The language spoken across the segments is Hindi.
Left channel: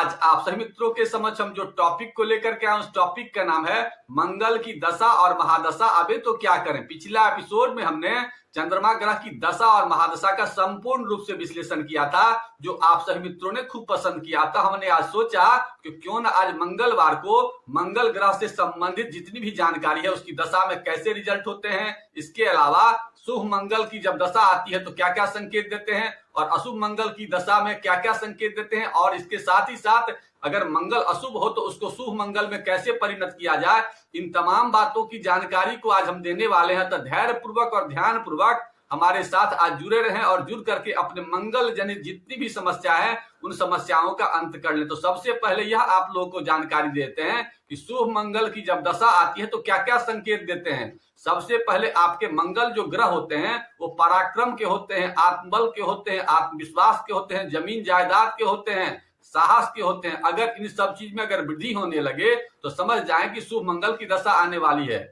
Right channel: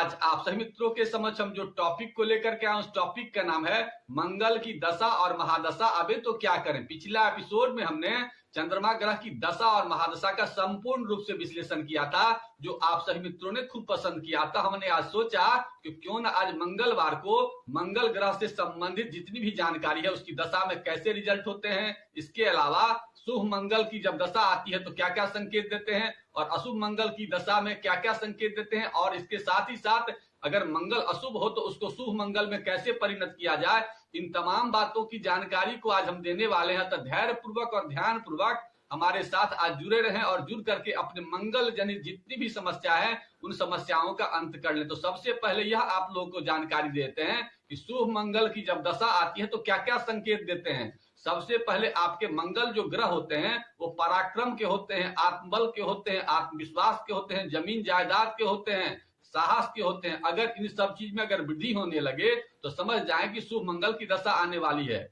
आज आप सभी मित्रों के समक्ष हम जो टॉपिक को लेकर के आए उस टॉपिक का नाम है मंगल की दशा और महादशा। अबे तो क्या करें, पिछला एपिसोड में हमने चंद्रमा ग्रह की दशा और महादशा का संपूर्ण रूप से विश्लेषण किया था, जो आप सभी मित्रों ने खूब पसंद किया था। हमने आज सोचा कि क्यों ना आज मंगलवार को मंगल ग्रह से संबंधित जितनी भी जानकारी है उसकी दशा में कैसे रिजल्ट होते हैं, इसके अलावा शुभ मंगल की जब दशा आती है तो क्या क्या संकेत देते हैं और अशुभ मंगल की दशा में क्या क्या संकेत देते हैं, और इसके साथ ही साथ अगर मंगल अशुभ हो तो उसको शुभ मंगल में कैसे परिणत किया जाए, इन तमाम बातों की जानकारी को आज हम देने वाले हैं। तो धैर्य पूर्वक और ध्यान पूर्वक हमारे साथ आज जुड़े रहें और जुड़ करके अपने मंगल जनित जितनी भी समस्या है उन समस्याओं का अंत कर लें। तो सबसे पहले यह आप लोगों को जानकारी देते हैं कि शुभ मंगल की जब दशा आती है तो क्या क्या संकेत देते हैं। सबसे पहले आपके मंगल जो ग्रह होते हैं वो पराक्रम के होते हैं, आत्मबल के होते हैं, आत्मविश्वास के होते हैं, जमीन जायदाद के होते हैं, साहस के होते हैं। अगर इन सब चीज में अगर वृद्धि होने लगे तो समझ जाए कि शुभ मंगल की दशा आने वाली है।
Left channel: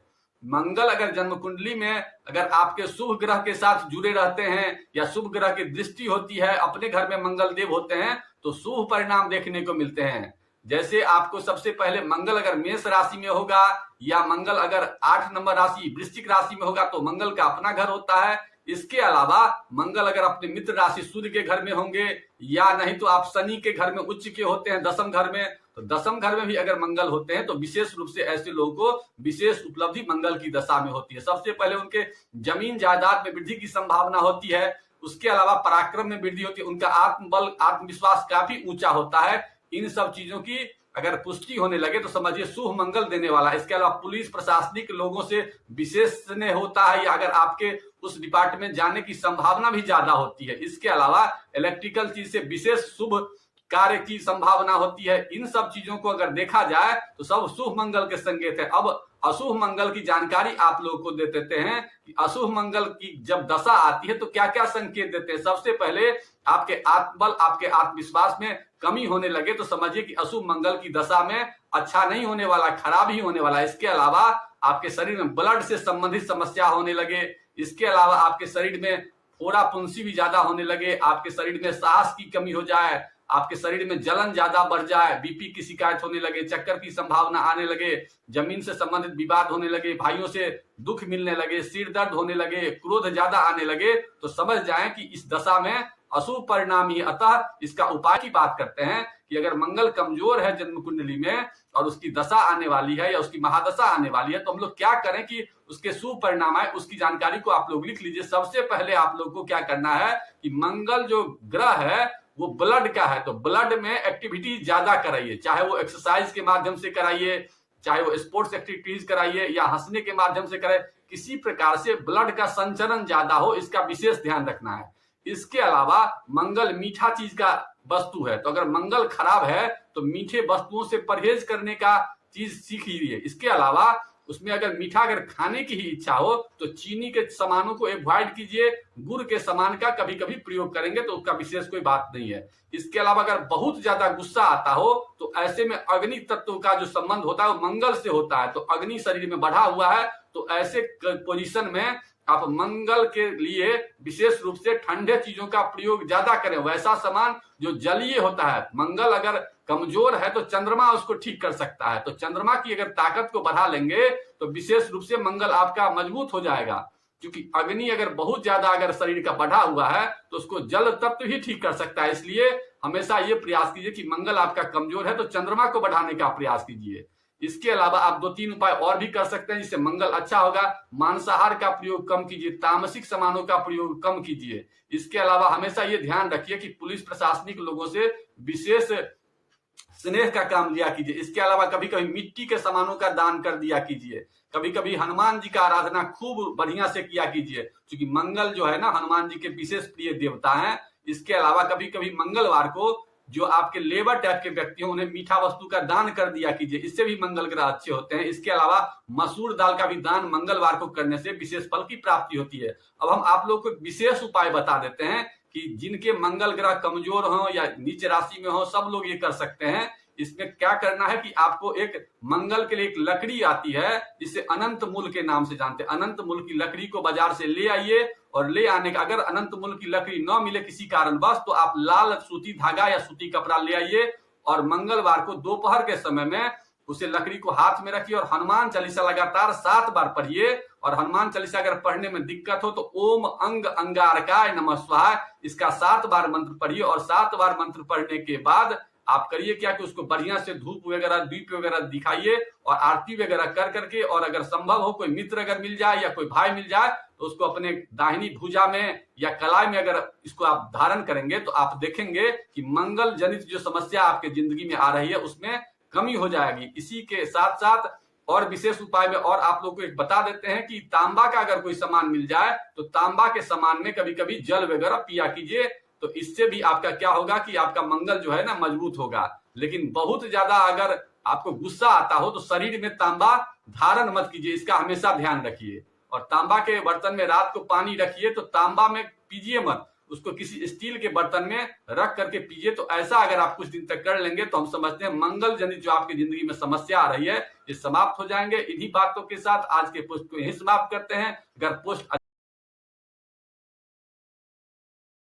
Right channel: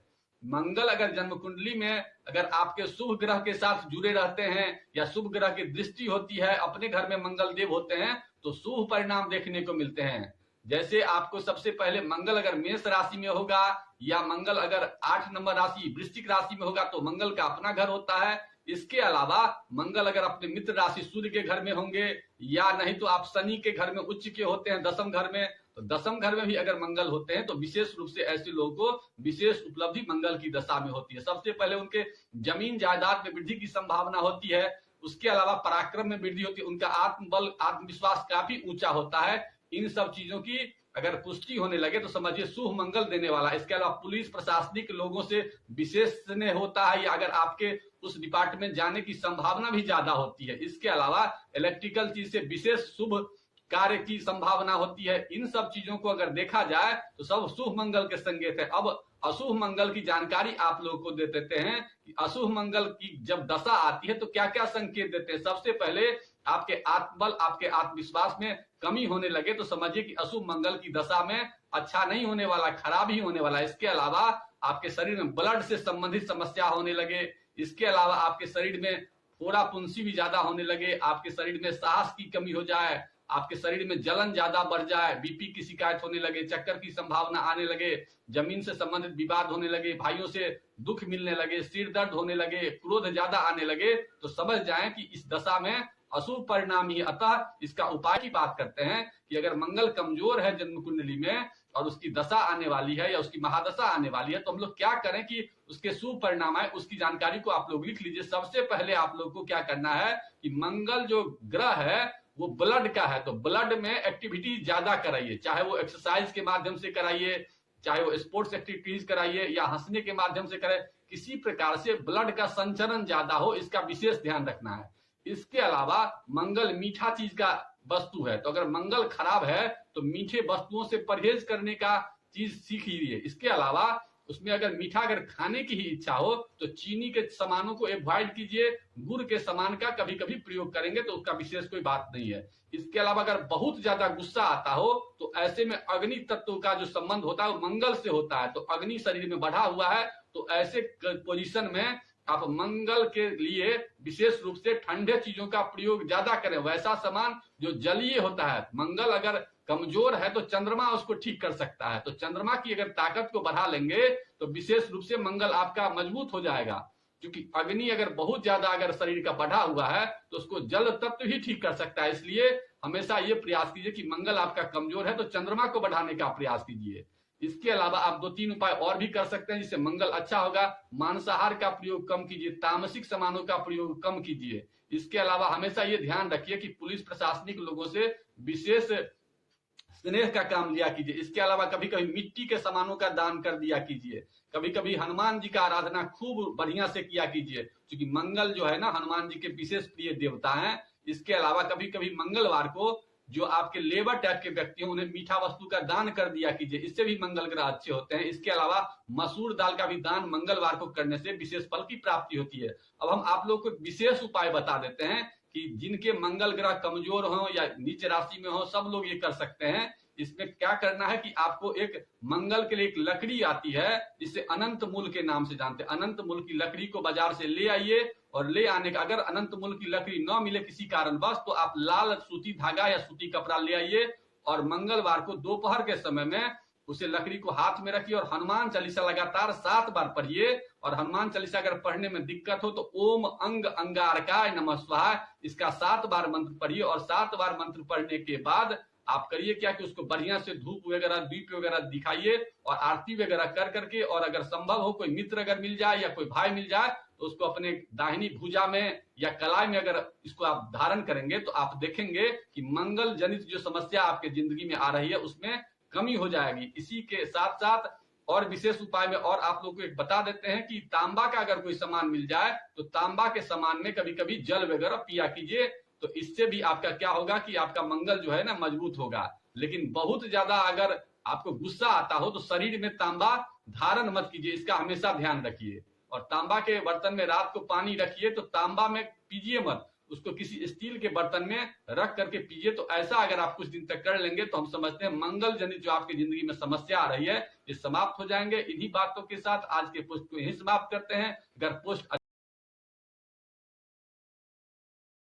मंगल अगर जन्म कुंडली में अगर आपके शुभ ग्रह के साथ जुड़े रहते हैं या शुभ ग्रह की दृष्टि होती है, अपने घर में मंगल देव होते हैं तो शुभ परिणाम देखने को मिलते हैं। जैसे आपको सबसे पहले मंगल अगर मेष राशि में होगा या मंगल अगर 8 नंबर राशि वृश्चिक राशि में होगा तो मंगल का अपना घर होता है। इसके अलावा मंगल अगर अपने मित्र राशि सूर्य के घर में होंगे या नहीं तो आप शनि के घर में उच्च के होते हैं दसम घर में, तो दसम घर में भी अगर मंगल होते हैं तो विशेष रूप से ऐसे लोगों को विशेष उपलब्धि मंगल की दशा में होती है। सबसे पहले उनके जमीन जायदाद में वृद्धि की संभावना होती है, उसके अलावा पराक्रम में वृद्धि होती है, उनका आत्मबल आत्मविश्वास काफी ऊंचा होता है। इन सब चीजों की अगर पुष्टि होने लगे तो समझिए शुभ मंगल देने वाला है। इसके अलावा पुलिस प्रशासनिक लोगों से विशेष स्नेह होता है या अगर आपके उस डिपार्टमेंट जाने की संभावना भी ज्यादा होती है। इसके अलावा इलेक्ट्रिकल चीज से विशेष शुभ कार्य की संभावना होती है। इन सब चीजों को अगर देखा जाए तो सब शुभ मंगल के संकेत है। अब अशुभ मंगल की जानकारी आप लोगों को दे देते हैं कि अशुभ मंगल की जब दशा आती है तो क्या क्या संकेत देते हैं। सबसे पहले आपके आत्मबल आपके आत्मविश्वास में कमी होने लगे तो समझिए कि अशुभ मंगल की दशा में अच्छा नहीं होने वाला, खराब ही होने वाला है। इसके अलावा आपके शरीर में ब्लड से संबंधित समस्या होने लगे, इसके अलावा आपके शरीर में फोड़ा फुंसी भी ज्यादा होने लगे, आपके शरीर में साहस की कमी हो जाए, आपके शरीर में जलन ज्यादा बढ़ जाए, बीपी की शिकायत होने लगे, चक्कर की संभावना आने लगे, जमीन से संबंधित विवाद होने लगे, भाइयों से दुख मिलने लगे, सिर दर्द होने लगे, क्रोध ज्यादा आने लगे, तो समझ जाएं कि इस दशा में अशुभ परिणाम ही। अतः इसका उपाय की बात करते हैं कि अगर मंगल कमजोर है जन्म कुंडली में और उसकी दशा आने वाली है या उसकी महादशा आने वाली है तो हम लोग क्या करें कि उसके शुभ परिणाम आए, उसकी जानकारी को आप लोग लिख लीजिए। सबसे पहले आप लोग को क्या करना है कि मंगल जो ग्रह है वो ब्लड का है, तो ब्लड में एक्टिविटी ज्यादा कराइए, चाहे वो एक्सरसाइज के माध्यम से कराइए, चाहे वो स्पोर्ट्स एक्टिविटीज कराइए या हंसने के माध्यम से कराइए, किसी प्रकार से ब्लड का संचरण ज्यादा हो, इसका विशेष ध्यान रखना है। इसके अलावा मंगल मीठा चीज का वस्तु है, तो अगर मंगल खराब है तो मीठे वस्तुओं से परहेज करने का चीज सीख लीजिए। इसके अलावा उसमें अगर मीठा अगर खाने की ही इच्छा हो तो चीनी के सामानों को अवॉइड कीजिए, गुड़ के सामान का कभी कभी प्रयोग करेंगे तो उसका विशेष कोई बात नहीं है। इसके अलावा अगर बहुत ज्यादा गुस्सा आता हो तो ऐसे में अग्नि तत्व का जो संबंध होता है वो मंगल से होता है, तो अग्नि शरीर में बढ़ा हुआ है, तो ऐसे पोजीशन में आप मंगल के लिए विशेष रूप से ठंडे चीजों का प्रयोग ज्यादा करें, वैसा सामान जो जलीय होता है। मंगल अगर कमजोर है तो चंद्रमा उसको ठीक कर सकता है, तो चंद्रमा की अगर ताकत को बढ़ा लेंगे तो विशेष रूप से मंगल आपका मजबूत हो जाएगा, क्योंकि अग्नि अगर बहुत ज्यादा अगर शरीर का बढ़ा हुआ है तो उसको जल तत्व ही ठीक कर सकता है। इसलिए हमेशा ये प्रयास कीजिए कि मंगल आपका कमजोर है तो चंद्रमा को बढ़ाने का प्रयास कीजिए। इसके अलावा आप 2-3 उपाय और भी कर सकते हैं जिससे मंगल अच्छा होगा। मांसाहार का प्रयोग कम कीजिए, तामसिक सामानों का प्रयोग कम कीजिए। इसके अलावा हमेशा ये ध्यान रखिए कि पुलिस प्रशासनिक लोगों से विशेष स्नेह का काम लिया कीजिए। इसके अलावा कभी कभी मिट्टी के सामानों का दान कर दिया कीजिए, कभी कभी हनुमान जी का आराधना खूब बढ़िया से किया कीजिए, क्योंकि मंगल जो है ना हनुमान जी के विशेष प्रिय देवता हैं। इसके अलावा कभी कभी मंगलवार को जो आपके लेबर टाइप के व्यक्ति हैं उन्हें मीठा वस्तु का दान कर दिया कीजिए, इससे भी मंगल ग्रह अच्छे होते हैं। इसके अलावा मसूर दाल का भी दान मंगलवार को करने से विशेष फल की प्राप्ति होती है। अब हम आप लोग को विशेष उपाय बता देते हैं कि जिनके मंगल ग्रह कमजोर हो या नीच राशि में हो सब लोग ये कर सकते हैं। इसमें क्या करना है कि आपको एक मंगल के लिए एक लकड़ी आती है जिसे अनंत मूल के नाम से जानते हैं, अनंत मूल की लकड़ी को बाजार से ले आइए और ले आने का अगर अनंत मूल की लकड़ी न मिले किसी कारणवश तो आप लाल सूती धागा या सूती कपड़ा ले आइए और मंगलवार को दोपहर के समय में उसे लकड़ी को हाथ में रखिए और हनुमान चालीसा लगातार 7 बार पढ़िए। और हनुमान चालीसा अगर पढ़ने में दिक्कत हो तो ओम अंग अंगारकाय नमः स्वाहा इसका 7 बार मंत्र पढ़िए। और 7 बार मंत्र पढ़ने के बाद आप करिए क्या कि उसको बढ़िया से धूप वगैरह दीप वगैरह दिखाइए और आरती वगैरह कर करके, और अगर संभव हो कोई मित्र अगर मिल जाए या कोई भाई मिल जाए तो उसको अपने दाहिनी भुजा में या कलाई में अगर इसको आप धारण करेंगे तो आप देखेंगे कि मंगल जनित जो समस्या आपके जिंदगी में आ रही है उसमें कमी हो जाएगी। इसी के साथ साथ और विशेष उपाय में और आप लोगों को एक बता देते हैं कि तांबा का अगर कोई सामान मिल जाए तो तांबा के सामान में कभी कभी जल वगैरह पिया कीजिए, तो इससे भी आपका क्या होगा कि आपका मंगल जो है ना मजबूत होगा। लेकिन बहुत ज्यादा अगर आपको गुस्सा आता हो तो शरीर में तांबा धारण मत कीजिए, इसका हमेशा ध्यान रखिए। और तांबा के बर्तन में रात को पानी रखिए तो तांबा में पीजिए मत, उसको किसी स्टील के बर्तन में रख करके पीजिए। तो ऐसा अगर आप कुछ दिन तक कर लेंगे तो हम समझते हैं मंगल जनित जो आपकी जिंदगी में समस्या आ रही है ये समाप्त हो जाएंगे। इन्हीं बातों के साथ आज के पोस्ट को यही समाप्त करते हैं। अगर पोस्ट